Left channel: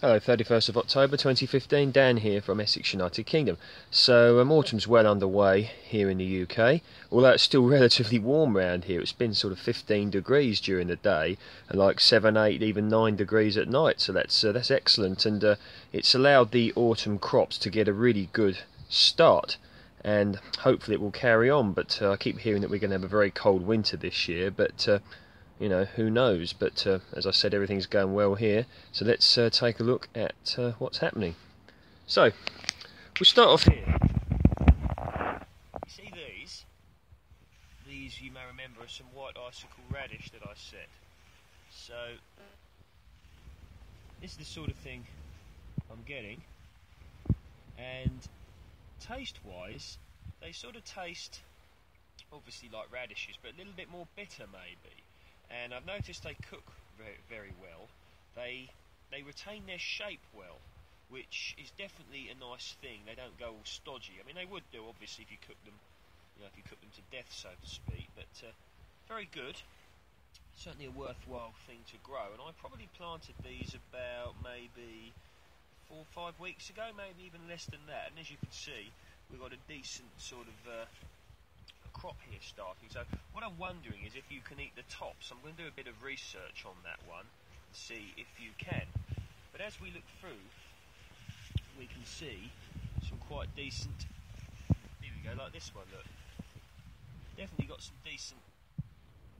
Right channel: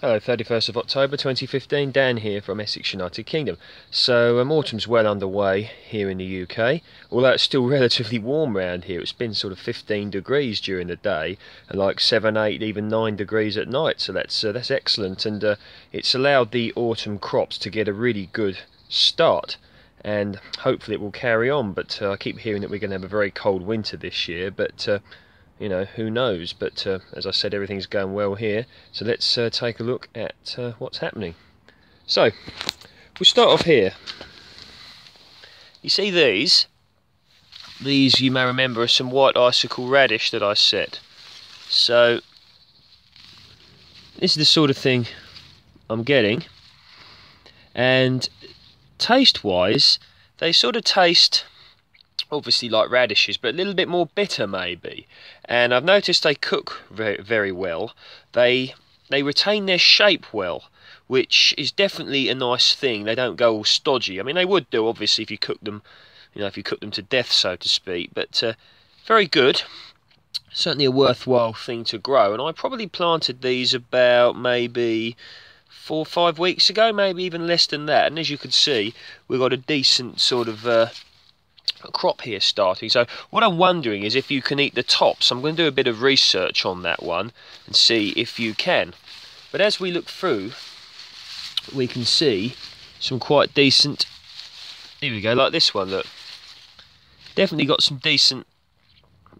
Hello, 31st of October 2015, Dan here from Essex, United Kingdom. So autumn's well underway here in the UK, although it's still relatively warm around here. It's been sort of 15 degrees during the day and like 7, 8, even 9 degrees at night, so that's excellent, and it's allowed the autumn crops to get a really good start, and hopefully it will carry on. But I keep hearing that we're going to have a very cold winter this year, but you know, who knows. But as I said, everything's going well here, so let's take a look at what's happening. So we'll start off here. You see these you may remember are some white icicle radish that I set. So this is the sort of thing I'm getting, and taste wise they sort of taste obviously like radishes, but a little bit more bitter maybe. And I've noticed they cook very, very well. They retain their shape well, which is definitely a nice thing. They don't go all stodgy. I mean, they would do obviously if you cook them, you know, if you cook them to death, so to speak. But very good. Certainly a worthwhile thing to grow. And I probably planted these about maybe 4 or 5 weeks ago, maybe even less than that. And as you can see, we've got a decent sort of a crop here starting. So what I'm wondering is if you can eat the tops. I'm going to do a bit of research on that one and see if you can. But as we look through, we can see some quite decent, here we go, like this one, look. Definitely got some decent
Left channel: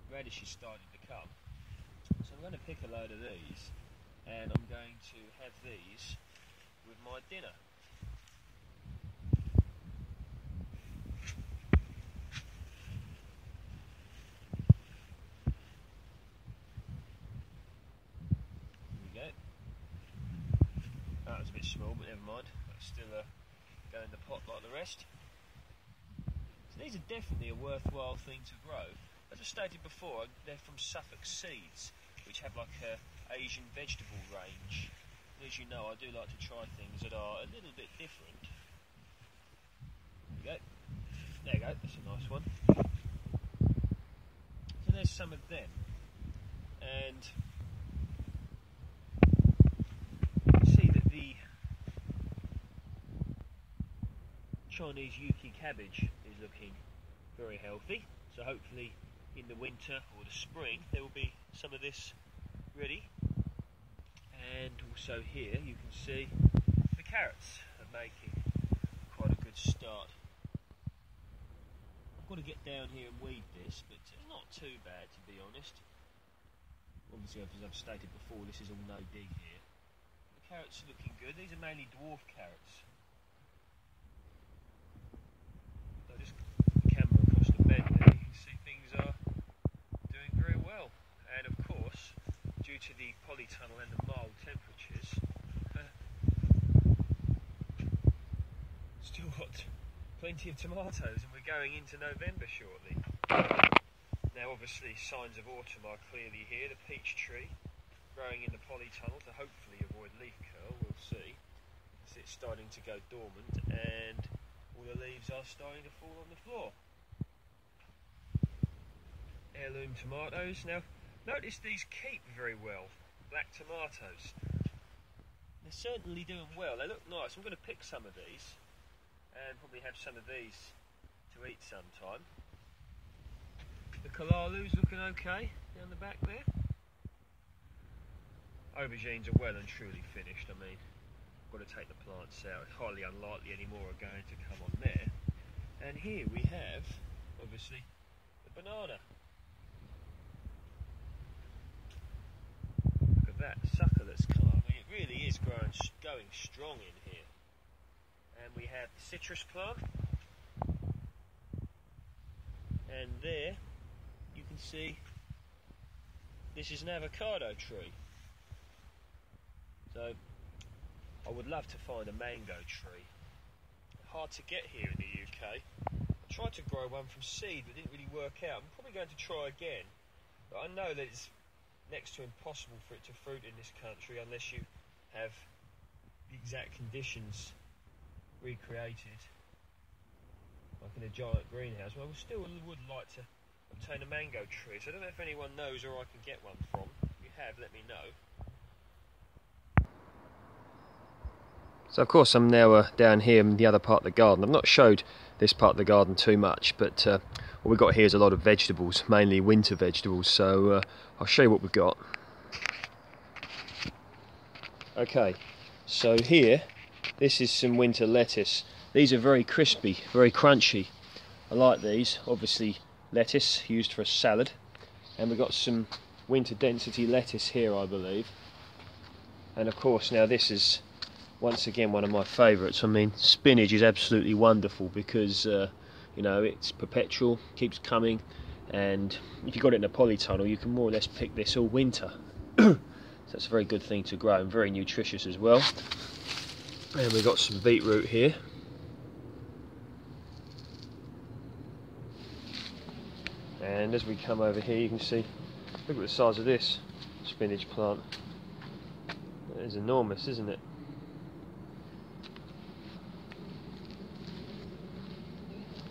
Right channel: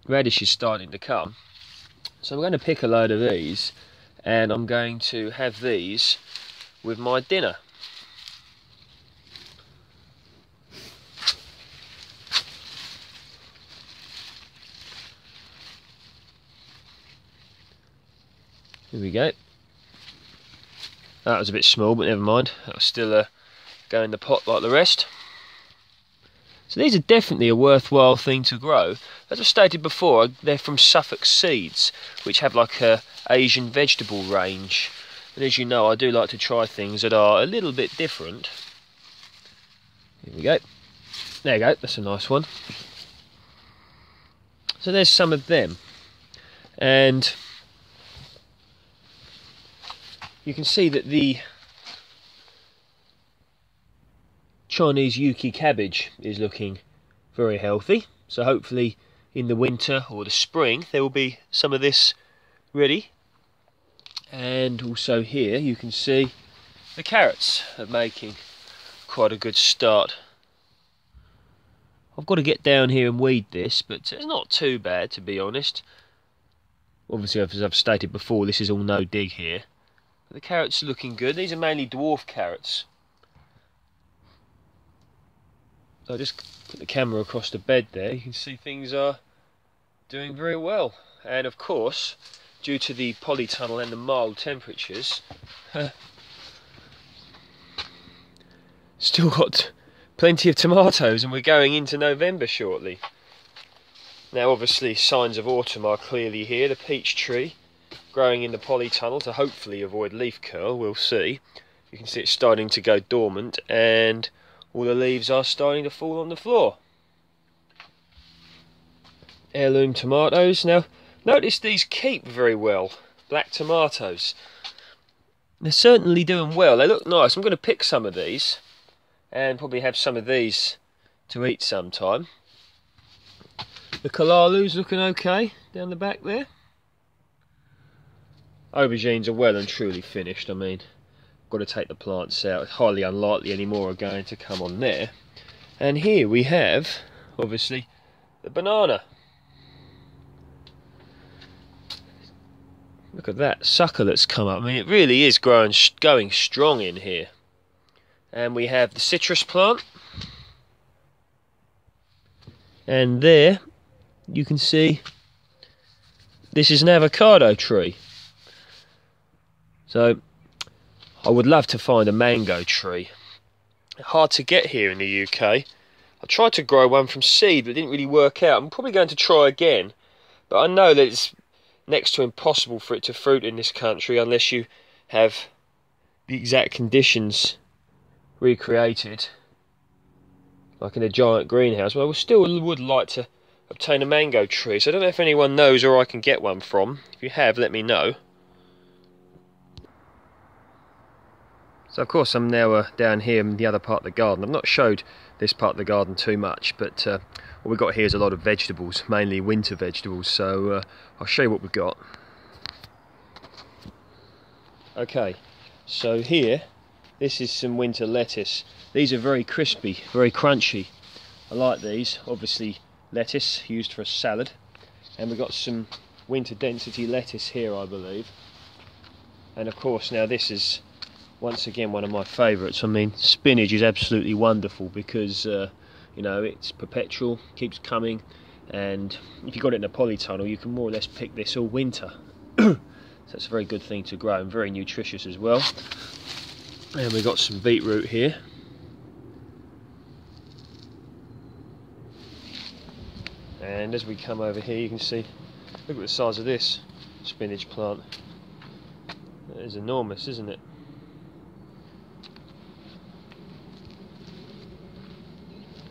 radishes starting to come. So I'm going to pick a load of these, and I'm going to have these with my dinner. Here we go. That was a bit small, but never mind. That'll still go in the pot like the rest. So these are definitely a worthwhile thing to grow. As I stated before, they're from Suffolk Seeds, which have like a Asian vegetable range. And as you know, I do like to try things that are a little bit different. Here we go. There you go, that's a nice one. So there's some of them. And you can see that the Chinese UK cabbage is looking very healthy, so hopefully in the winter or the spring there will be some of this ready. And also here you can see the carrots are making quite a good start. I've got to get down here and weed this, but it's not too bad, to be honest. Obviously, as I've stated before, this is all no dig here. The carrots are looking good. These are mainly dwarf carrots. So I just put the camera across the bed there. You can see things are doing very well. And of course, due to the polytunnel and the mild temperatures, still got plenty of tomatoes, and we're going into November shortly. Now obviously signs of autumn are clearly here. The peach tree growing in the polytunnel to hopefully avoid leaf curl, we'll see. You can see it's starting to go dormant, and all the leaves are starting to fall on the floor. Heirloom tomatoes. Now notice these keep very well. Black tomatoes. They're certainly doing well. They look nice. I'm going to pick some of these and probably have some of these to eat sometime. The Kalalu's looking okay down the back there. Aubergines are well and truly finished. I mean, got to take the plants out. It's highly unlikely any more are going to come on there. And here we have, obviously, the banana. Look at that sucker that's come up. I mean, it really is going strong in here. And we have the citrus plant. And there, you can see, this is an avocado tree. So I would love to find a mango tree. Hard to get here in the UK. I tried to grow one from seed, but it didn't really work out. I'm probably going to try again, but I know that it's next to impossible for it to fruit in this country unless you have the exact conditions recreated, like in a giant greenhouse. But I still would like to obtain a mango tree, so I don't know if anyone knows where I can get one from. If you have, let me know. So of course I'm now down here in the other part of the garden. I've not showed this part of the garden too much, but what we've got here is a lot of vegetables, mainly winter vegetables, so I'll show you what we've got. Okay, so here, this is some winter lettuce. These are very crispy, very crunchy. I like these. Obviously lettuce used for a salad, and we've got some winter density lettuce here, I believe. And of course now this is once again one of my favourites. I mean, spinach is absolutely wonderful because you know, it's perpetual, keeps coming, and if you've got it in a polytunnel you can more or less pick this all winter. So it's a very good thing to grow and very nutritious as well. And we've got some beetroot here. And as we come over here you can see, look at the size of this spinach plant. It is enormous, isn't it?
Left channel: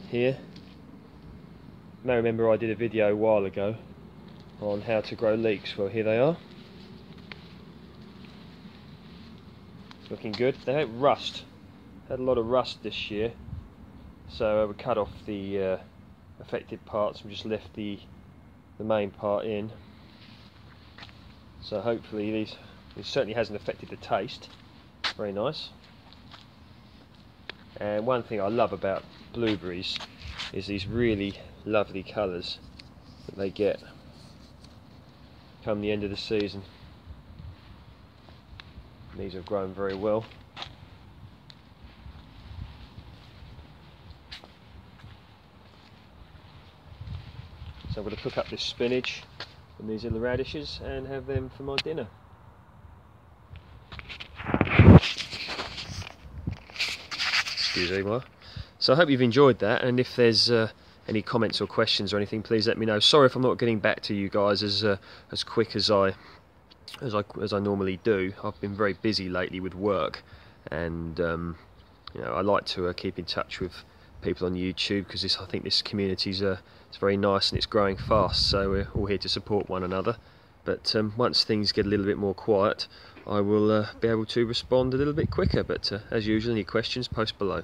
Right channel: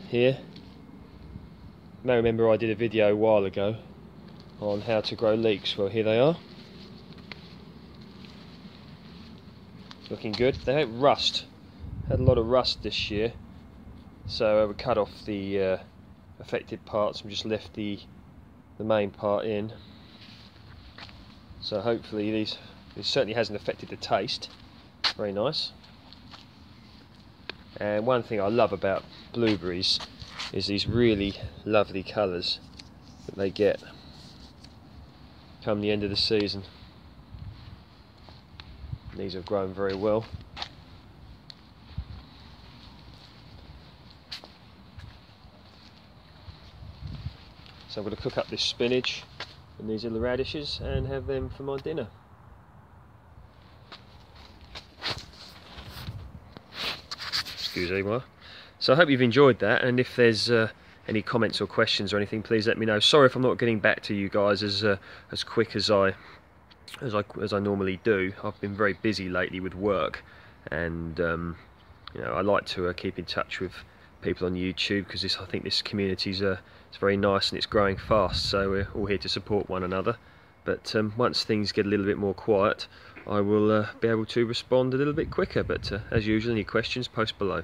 Here, now remember I did a video a while ago on how to grow leeks. Well, here they are. Looking good. They don't rust. Had a lot of rust this year, so we cut off the affected parts and just left the main part in. So hopefully this certainly hasn't affected the taste. Very nice. And one thing I love about blueberries is these really lovely colours that they get come the end of the season. These have grown very well. So I'm going to cook up this spinach and these little radishes and have them for my dinner. Excuse-moi. So I hope you've enjoyed that, and if there's any comments or questions or anything, please let me know. Sorry if I'm not getting back to you guys as quick as I normally do. I've been very busy lately with work, and you know, I like to keep in touch with people on YouTube because I think this community is it's very nice and it's growing fast. So we're all here to support one another. But once things get a little bit more quiet, I will be able to respond a little bit quicker. But as usual, any questions, post below.